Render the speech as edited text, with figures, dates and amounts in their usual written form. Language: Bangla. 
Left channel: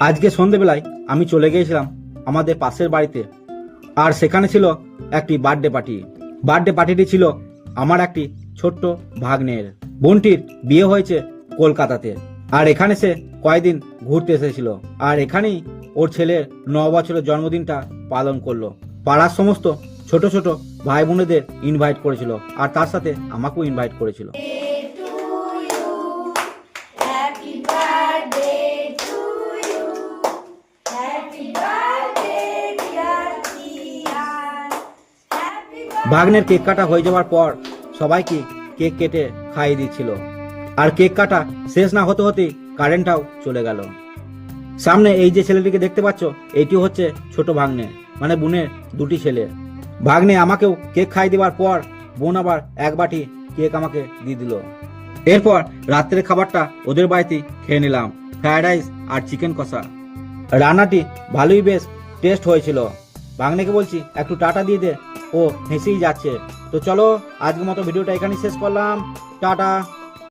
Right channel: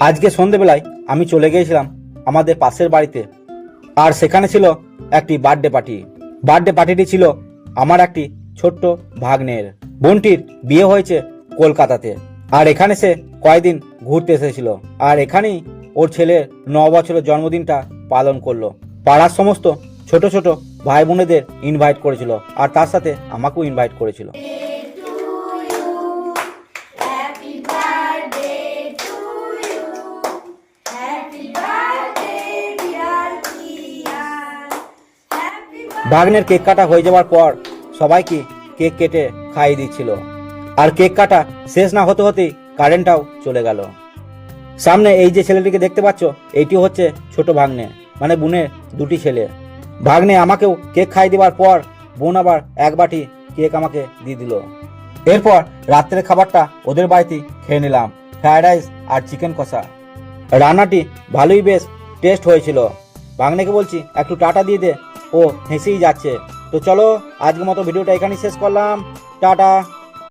আজকে সন্ধেবেলায় আমি চলে গিয়েছিলাম আমাদের পাশের বাড়িতে, আর সেখানে ছিল একটি বার্থডে পার্টি। বার্থডে পার্টিটি ছিল আমার একটি ছোট্ট ভাগ্নের। বোনটির বিয়ে হয়েছে কলকাতাতে, আর এখানে সে কয়েকদিন ঘুরতে এসেছিল, আর এখানেই ওর ছেলের 9 বছরের জন্মদিনটা পালন করলো। পাড়ার সমস্ত ছোট ছোট ভাই বোনেদের ইনভাইট করেছিল, আর তার সাথে আমাকেও ইনভাইট করেছিল। ভাগ্নের কেক কাটা হয়ে যাওয়ার পর সবাইকে কেক কেটে খাইয়ে দিচ্ছিল, আর কেক কাটা শেষ না হতে হতেই কারেন্টটাও চলে গেল। সামনে এই যে ছেলেটিকে দেখতে পাচ্ছ, এইটি হচ্ছে ছোট ভাগ্নে, মানে বোনের দুটি ছেলে। ভাগ্নে আমাকেও কেক খাইয়ে দেওয়ার পর বোন আবার এক বাটি কেক আমাকে দিয়ে দিল। এরপর রাত্রের খাবারটা ওদের বাড়িতেই খেয়ে নিলাম, ফ্রাইড রাইস আর চিকেন কষা। রান্নাটি ভালোই বেশ টেস্ট হয়েছিল। ভাগ্নেকে বলছি একটু টাটা দিয়ে দে, ও হেসেই যাচ্ছে। তো চলো, আজকের মতো ভিডিওটা এখানেই শেষ করলাম। টাটা।